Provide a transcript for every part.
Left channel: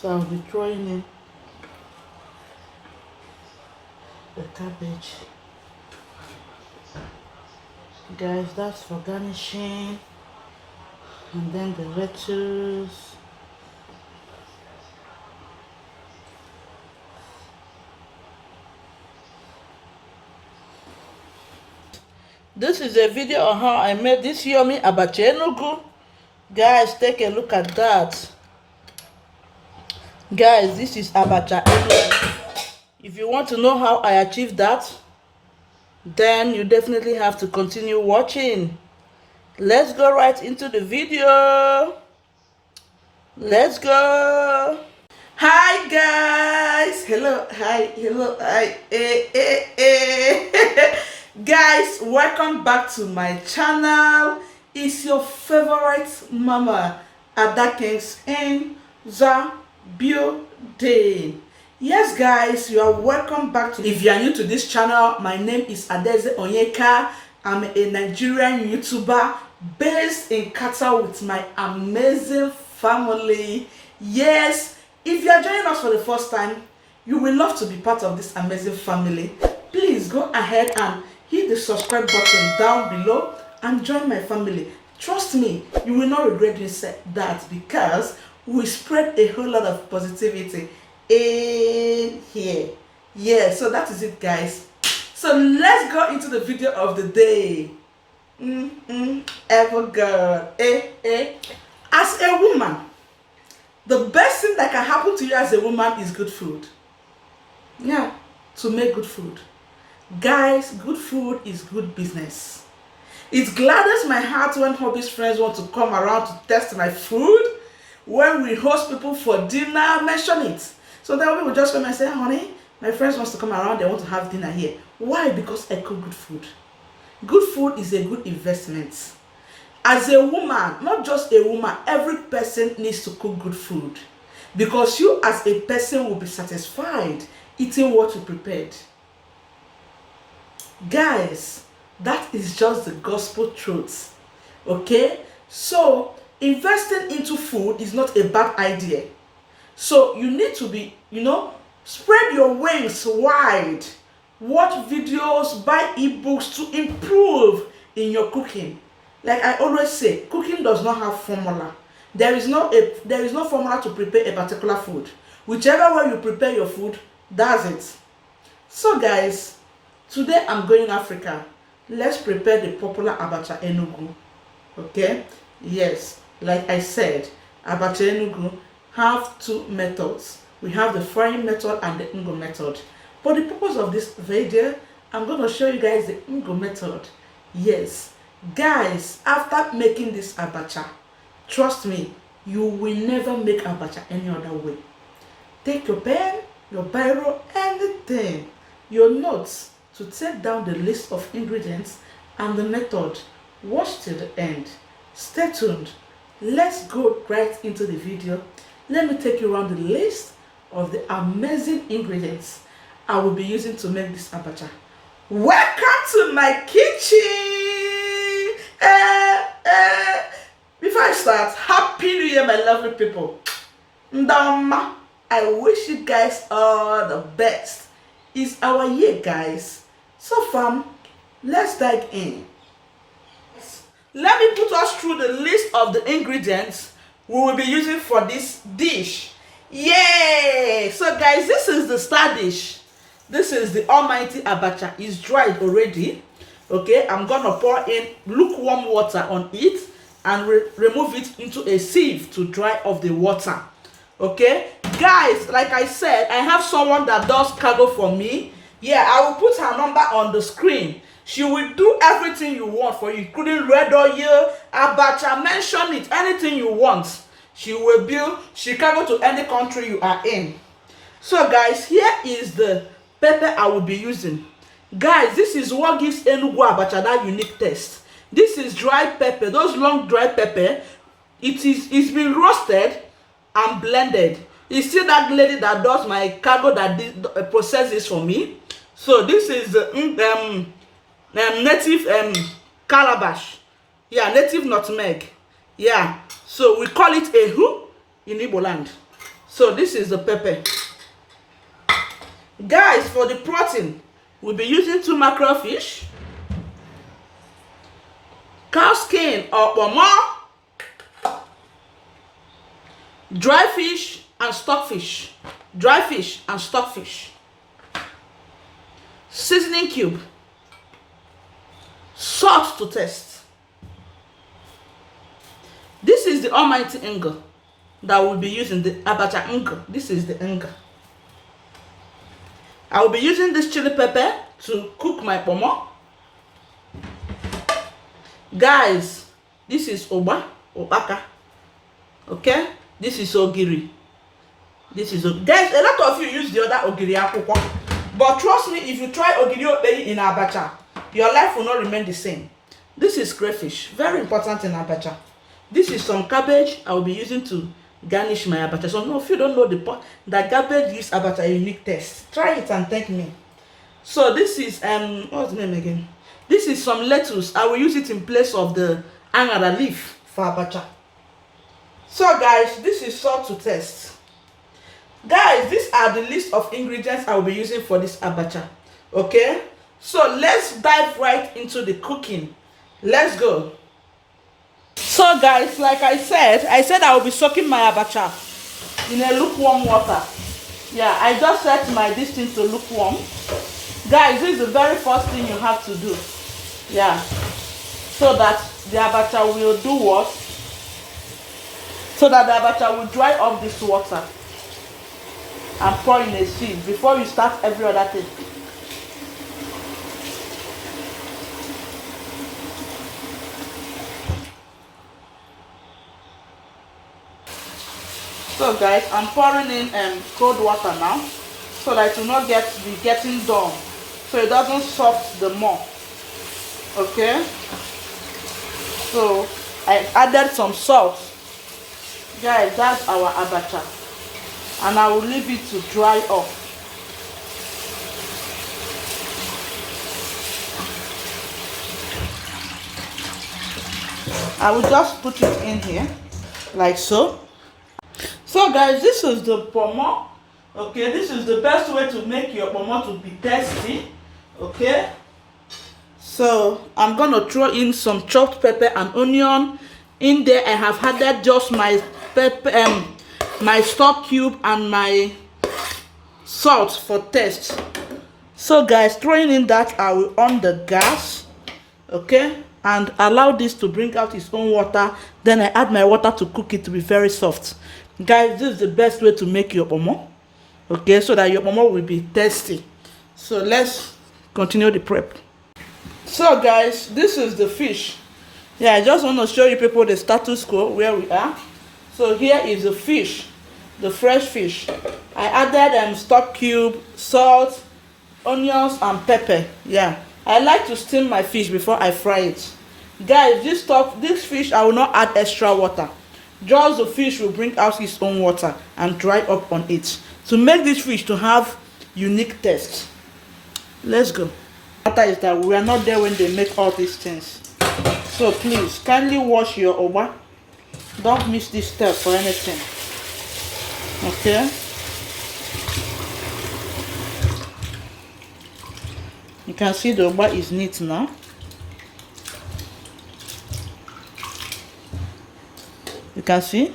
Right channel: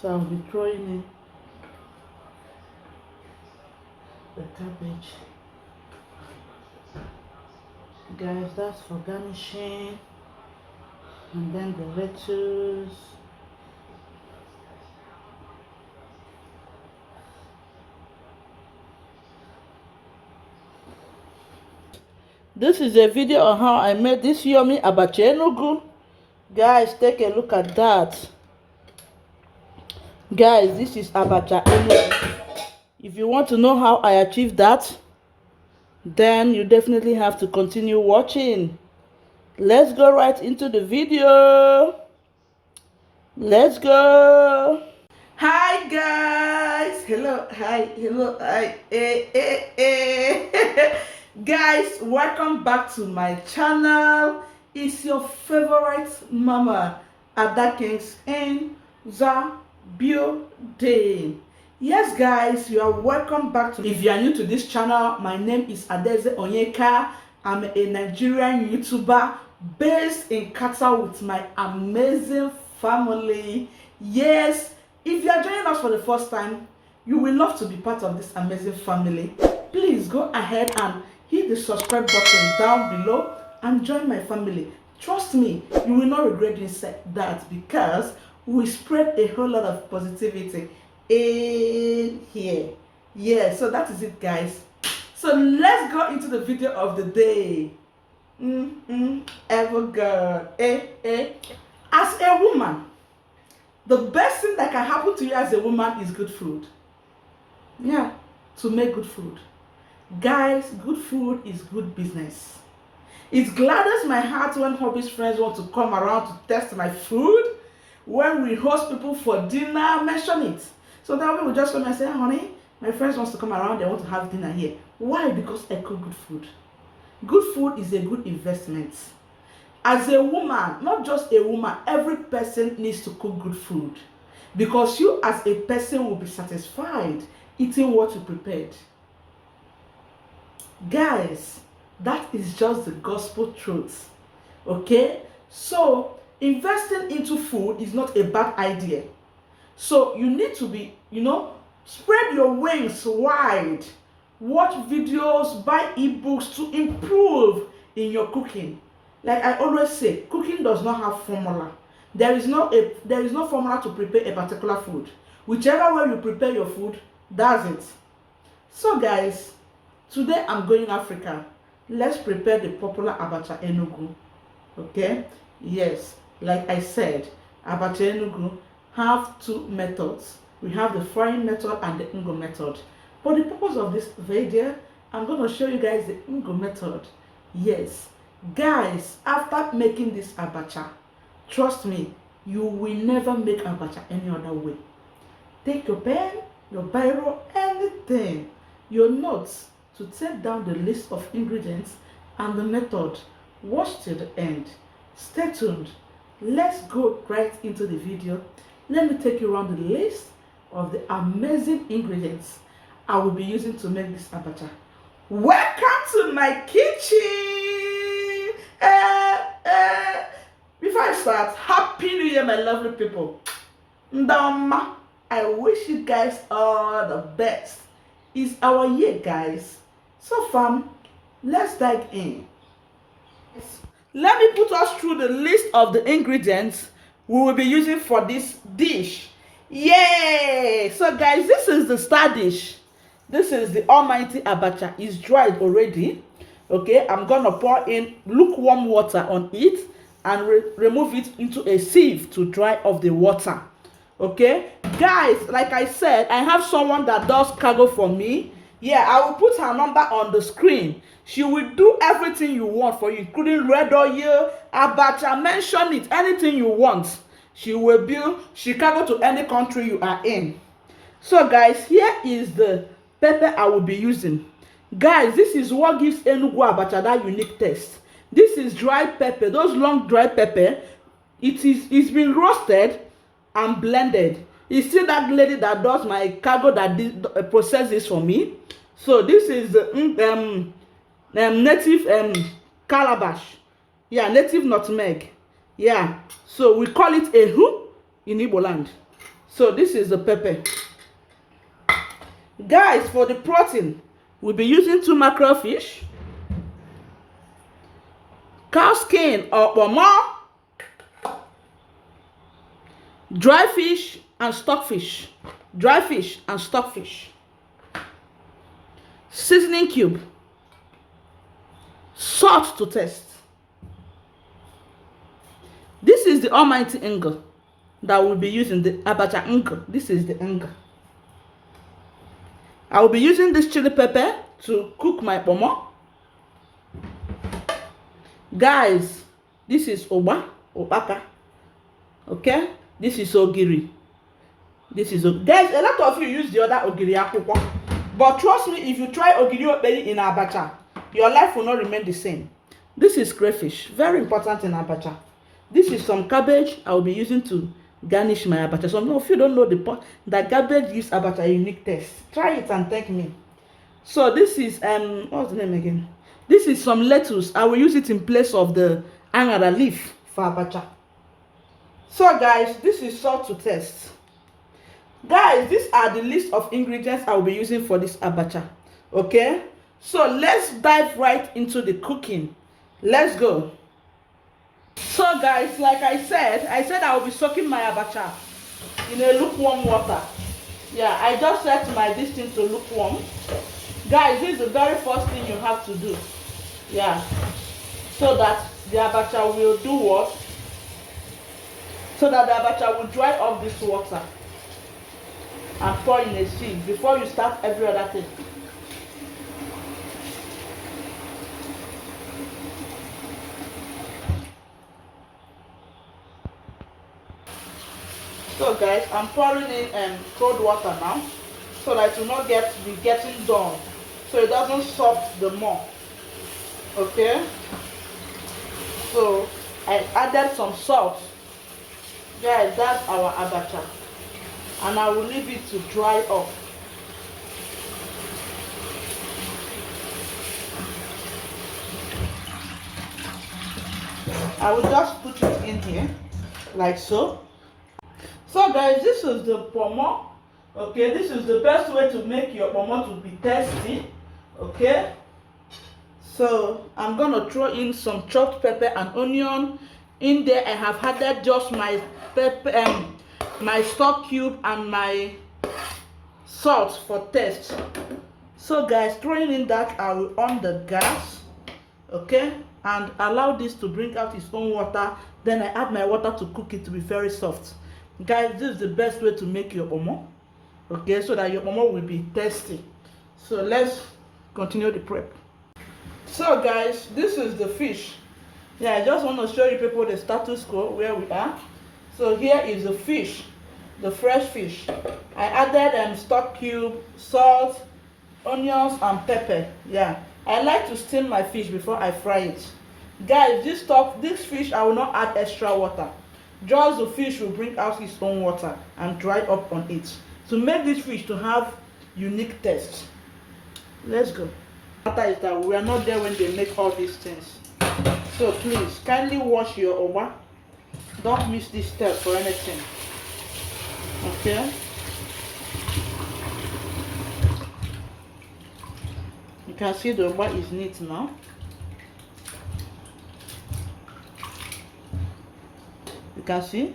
So I'll be throwing in the cabbage. Guys, that's for garnishing. And then the lettuce. This is a video on how I made this yummy Abacha Enugu. Guys, take a look at that. Guys, this is Abacha Enugu. If you want to know how I achieved that, then you definitely have to continue watching. Let's go right into the video. Let's go. Hi guys. Hello. Hi. Hello. Hi. Guys, welcome back to my channel. It's your favorite mama, Ada Kings in the building. Yes guys, you are welcome back to. If you are new to this channel, my name is Adeze Onyeka. I'm a Nigerian YouTuber based in Qatar with my amazing family. Yes, if you are joining us for the first time, you will love to be part of this amazing family. Please go ahead and hit the subscribe button down below and join my family. Trust me, you will not regret that, because we spread a whole lot of positivity in here. Yeah, so that is it guys. So let's go into the video of the day. Ever God. As a woman, the best thing that can happen to you as a woman is good food. Yeah, to make good food. Guys, good food is good business. It gladdens my heart when hobbyist friends want to come around to test my food. When we host people for dinner, mention it. So then people just come and say, honey, my friends wants to come around, they want to have dinner here. Why? Because I cook good food. Good food is a good investment. As a woman, not just a woman, every person needs to cook good food. Because you as a person will be satisfied eating what you prepared. Guys, that is just the gospel truth. Okay? So, investing into food is not a bad idea. So, you need to be, spread your wings wide. Watch videos, buy ebooks to improve in your cooking. Like I always say, cooking does not have formula. There is no formula to prepare a particular food. Whichever way you prepare your food, that's it. So guys, today I'm going Africa. Let's prepare the popular Abacha Enugu. Okay? Yes, like I said, Abacha Enugu have two methods. We have the frying method and the Ngo method. For the purpose of this video, I'm going to show you guys the Ngo method. Yes. Guys, after making this Abacha, trust me, you will never make Abacha any other way. Take your pen, your biro, anything, your notes, to take down the list of ingredients and the method. Watch till the end. Stay tuned. Let's go right into the video. Let me take you around the list of the amazing ingredients I will be using to make this Abacha. Welcome to my kitchen. Before I start, Happy New Year, my lovely people. Ndama, I wish you guys all the best. It's our year, guys. So fam, let's dive in. Let me put us through the list of the ingredients we will be using for this dish. Yay! So guys, this is the star dish. This is the almighty Abacha. It's dried already. Okay, I'm gonna pour in lukewarm water on it and remove it into a sieve to dry off the water. Okay, guys, like I said, I have someone that does cargo for me. Yeah, I will put her number on the screen. She will do everything you want for you, including red oil, Abacha, mention it, anything you want. She will build, she can go to any country you are in. So guys, here is the pepper I will be using. Guys, this is what gives Enugu Abacha that unique taste. This is dry pepper, those long dry pepper. It's been roasted and blended. You see that lady that does my cargo that processes for me. So this is native calabash. Yeah, native nutmeg. Yeah, so we call it ehu in Igbo land. So this is the pepper. Guys, for the protein, we'll be using 2 mackerel fish, cow skin or pomo, dry fish and stockfish, dry fish and stockfish, seasoning cube, salt to taste. This is the almighty ngo that we'll be using, the Abacha ngo. This is the ngo. I will be using this chili pepper to cook my pomo. Guys, this is obaka. Okay? This is ogiri. There's a lot of you use the other ogiri akwukwo. But trust me, if you try ogiri operi in Abacha, your life will not remain the same. This is crayfish, very important in Abacha. This is some cabbage I will be using to garnish my Abacha. So no, if you don't know the point that cabbage gives Abacha a unique taste, try it and thank me. So this is what's the name again? This is some lettuce. I will use it in place of the angara leaf for Abacha. So guys, this is salt to taste. Guys, these are the list of ingredients I will be using for this Abacha. Okay, so let's dive right into the cooking. Let's go. So guys, like I said I will be soaking my Abacha in a lukewarm water. Yeah, I just set my this thing to lukewarm. Guys, this is the very first thing you have to do. Yeah, so that the Abacha will do what? So that the Abacha will dry off this water and pour in a sieve before you start every other thing. So guys, I'm pouring in cold water now so that it will not be getting dull, so it doesn't soft the more. Okay, so I added some salt. Guys, that's our Abacha, and I will leave it to dry up. I will just put it in here like so. So guys, this is the pomo. Okay, this is the best way to make your pomo to be tasty. Okay, so I'm gonna throw in some chopped pepper and onion. In there I have added just my pepper, my stock cube and my salt for taste. So guys, throwing in that, I will on the gas. Okay, and allow this to bring out its own water. Then I add my water to cook it to be very soft. Guys, this is the best way to make your pomo. Okay, so that your pomo will be tasty. So let's continue the prep. So guys, this is the fish. Yeah, I just want to show you people the status quo where we are. So here is the fish, the fresh fish. I added stock cube, salt, onions and pepper. Yeah, I like to steam my fish before I fry it. Guys, this fish I will not add extra water. Just the fish will bring out its own water and dry up on it to make this fish to have unique taste. Let's go. The matter is that we are not there when they make all these things. So please kindly wash your oba. Don't miss this step for anything. Okay. You can see the oba is neat now. You can see.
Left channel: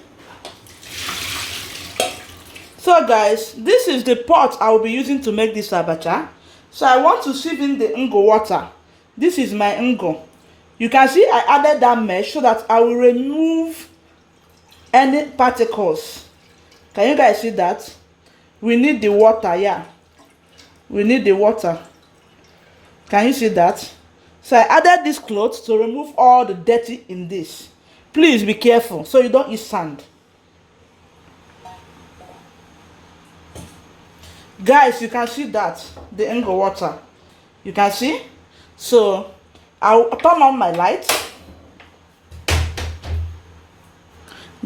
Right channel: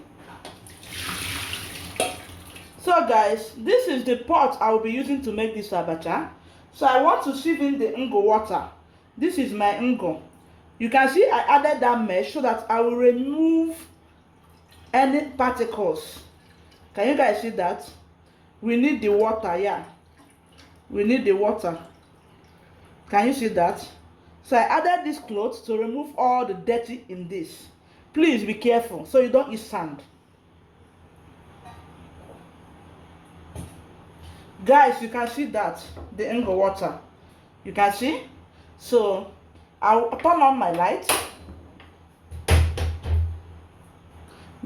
So guys, this is the pot I will be using to make this Abacha. So I want to sieve in the ngo water. This is my ngo. You can see I added that mesh so that I will remove any particles. Can you guys see that? We need the water, yeah. We need the water. Can you see that? So I added this cloth to remove all the dirty in this. Please be careful so you don't eat sand. Guys, you can see that, the ngo water. You can see? So I'll turn on my light.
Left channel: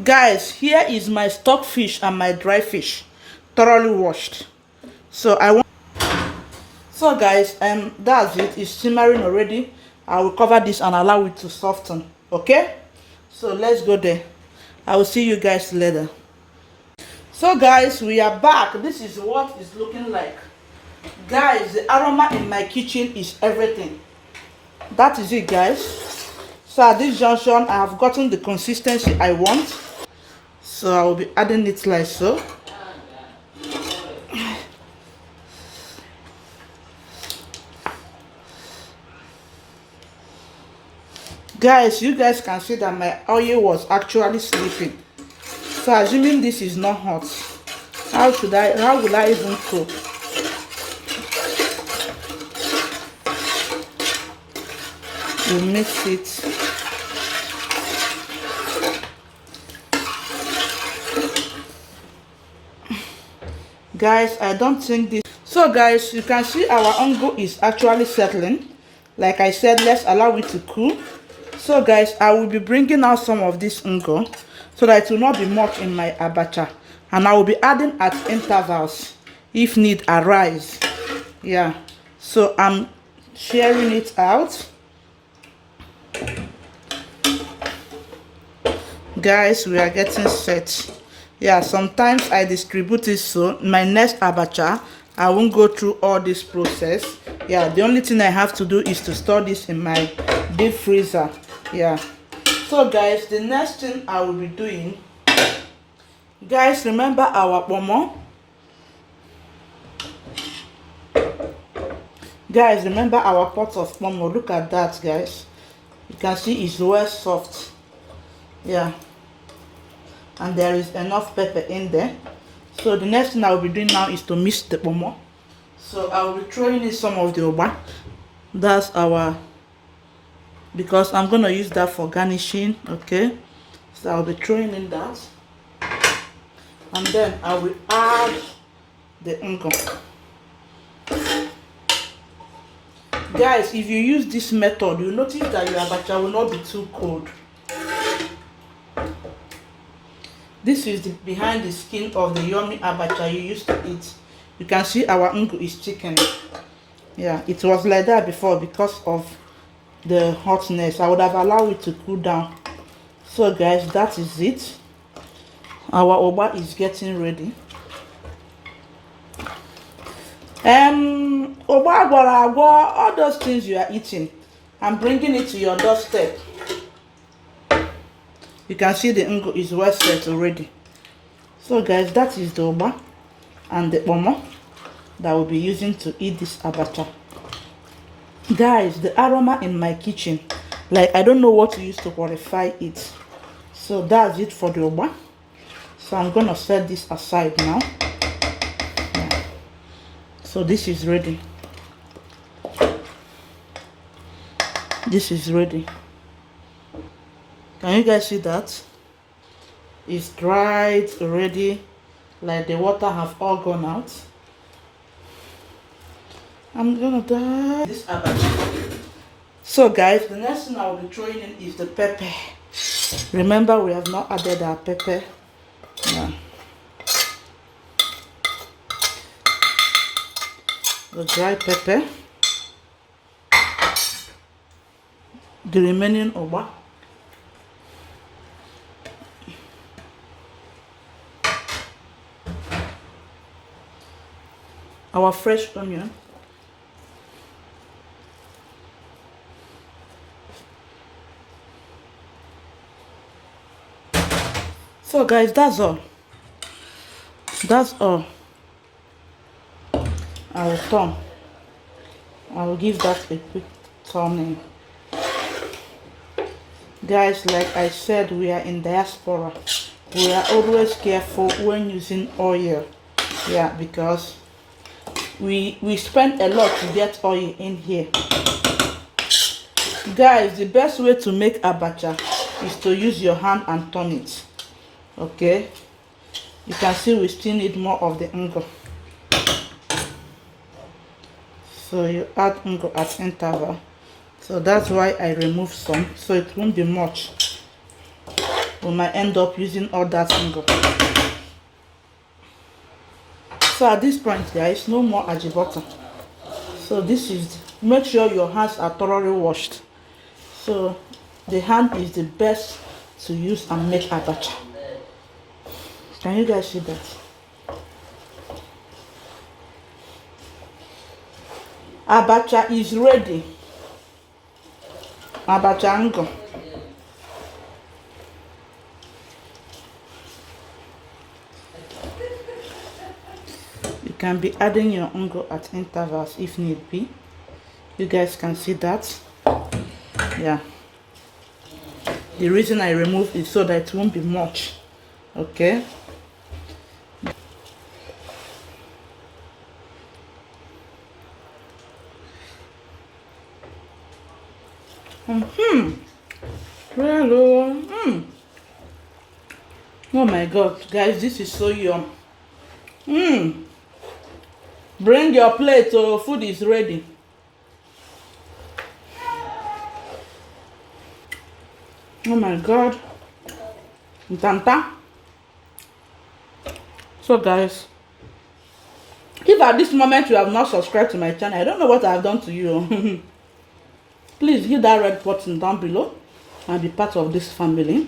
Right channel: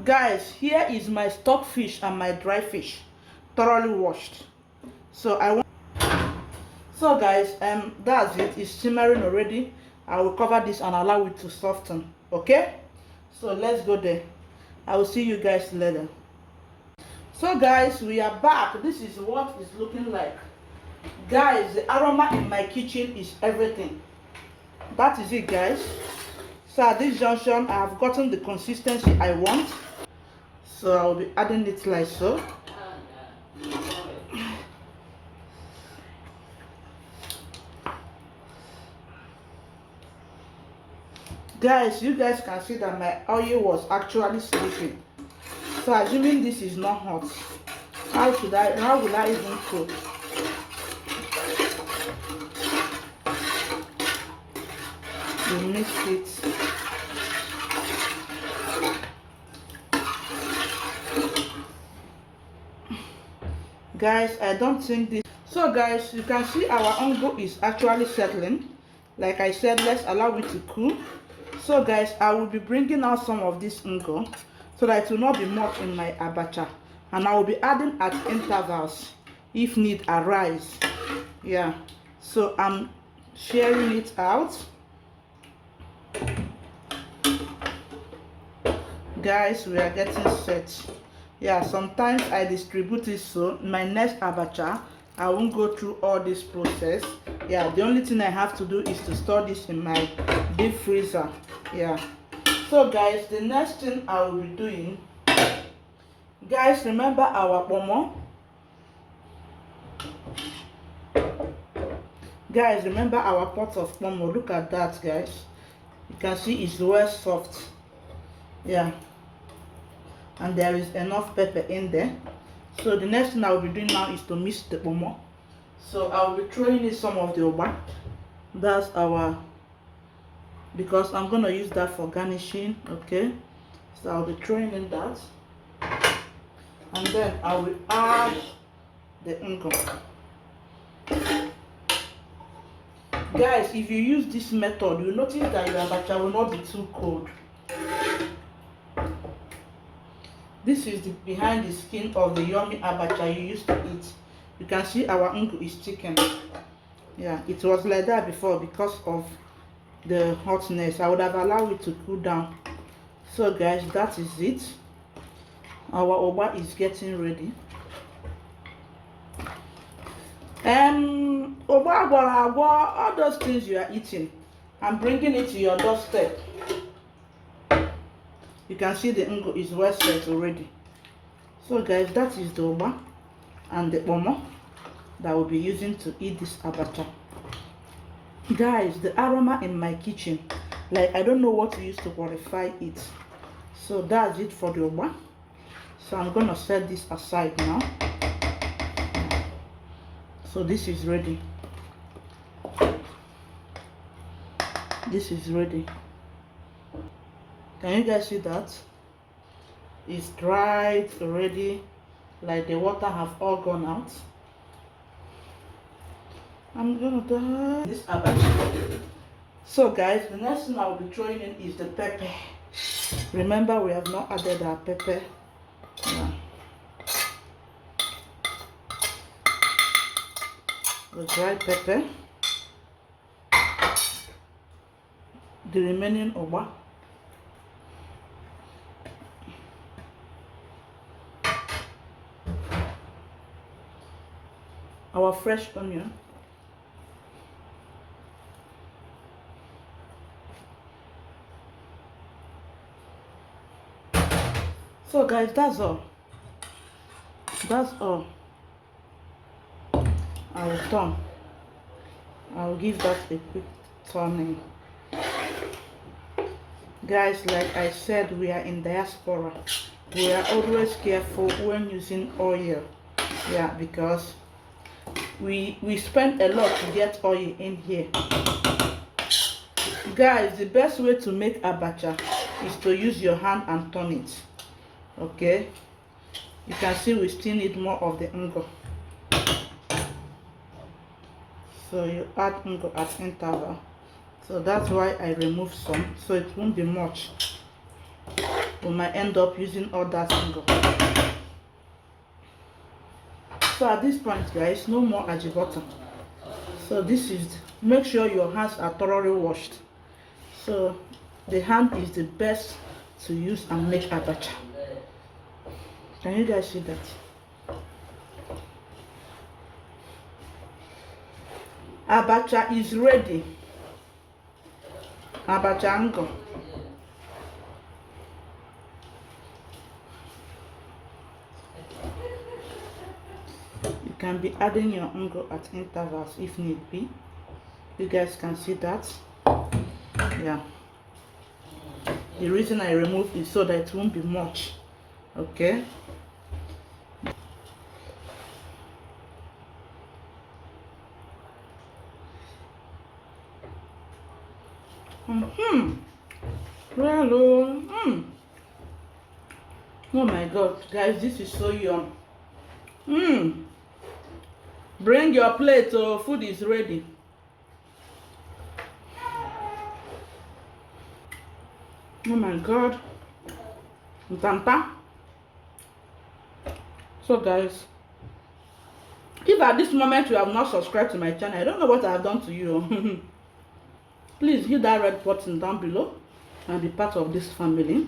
Guys, here is my stock fish and my dry fish, thoroughly washed. So guys, that's it. It's simmering already. I will cover this and allow it to soften. Okay, so let's go there. I will see you guys later. So guys, we are back. This is what it's looking like. Guys, the aroma in my kitchen is everything. That is it, guys. So at this junction, I have gotten the consistency I want. So I will be adding it like so. Guys, you guys can see that my oil was actually sleeping. So assuming this is not hot, how will I even cook? We'll mix it. Guys, I don't think this. So guys, you can see our ungo is actually settling. Like I said, let's allow it to cool. So guys, I will be bringing out some of this ungo so that it will not be much in my abacha, and I will be adding at intervals if need arise. Yeah, so I'm sharing it out. Guys, we are getting set. Yeah, sometimes I distribute it, so my next abacha I won't go through all this process. Yeah, the only thing I have to do is to store this in my deep freezer. Yeah, so guys, the next thing I will be doing, guys, remember our pomo. Guys, remember our pot of pomo. Look at that, guys. You can see it's well soft. Yeah, and there is enough pepper in there. So the next thing I will be doing now is to mix the pomo. So I will be throwing in some of the oba. That's our, because I'm gonna use that for garnishing. Okay, so I'll be throwing in that, and then I will add the ungo. Guys, if you use this method, you notice that your abacha will not be too cold. This is the behind the skin of the yummy abacha you used to eat. You can see our ungo is chicken. Yeah, it was like that before because of the hotness. I would have allowed it to cool down. So guys, that is it. Our oba is getting ready. Oba, all those things you are eating, I'm bringing it to your doorstep. You can see the ungo is well set already. So guys, that is the oba and the pomo that we'll be using to eat this abacha. Guys, the aroma in my kitchen, like I don't know what to use to qualify it. So that's it for the oba. So I'm gonna set this aside now. Yeah. So this is ready. This is ready. Can you guys see that? It's dried already, like the water have all gone out. I'm gonna die. This abacha. So guys, the next thing I will be throwing in is the pepper. Remember, we have not added our pepper. Yeah. The dry pepper. The remaining oba. Our fresh onion. So guys, that's all. That's all. I will turn. I will give that a quick turning. Guys, like I said, we are in diaspora. We are always careful when using oil. Yeah, because we spend a lot to get oil in here. Guys, the best way to make abacha is to use your hand and turn it. Okay, you can see we still need more of the ungo. So you add ungo at interval. So that's why I remove some, so it won't be much. We might end up using all that ungo. So at this point, guys, no more ajibota. So this is, make sure your hands are thoroughly washed. So the hand is the best to use and make abacha. Can you guys see that? Abacha is ready. Abacha ngo. You can be adding your ungo at intervals if need be. You guys can see that. Yeah. The reason I remove it so that it won't be much. Okay. Hello. Oh my god, guys, this is so yum. Bring your plate, so food is ready. Oh my god. Ntanta. So guys, if at this moment you have not subscribed to my channel, I don't know what I have done to you. Please hit that red button down below and be part of this family.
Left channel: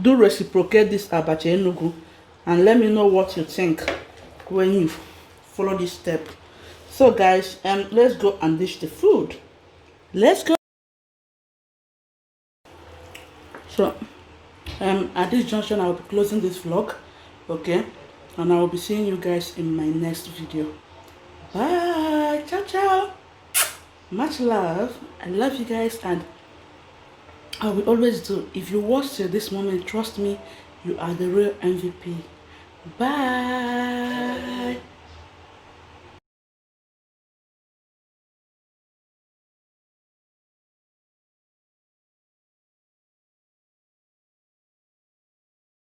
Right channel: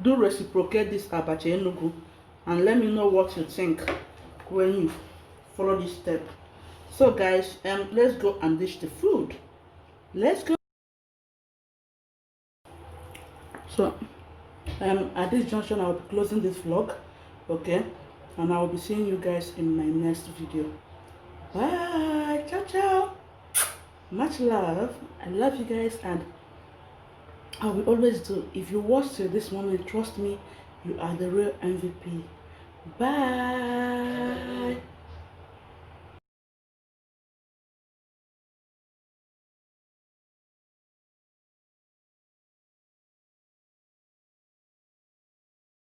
Do reciprocate this Abacha Enugu and let me know what you think when you follow this step. So guys, let's go and dish the food. Let's go. So at this junction I will be closing this vlog, okay, and I will be seeing you guys in my next video. Bye. Ciao ciao. Much love. I love you guys, and I will always do. If you watched till this moment, trust me, you are the real MVP. Bye.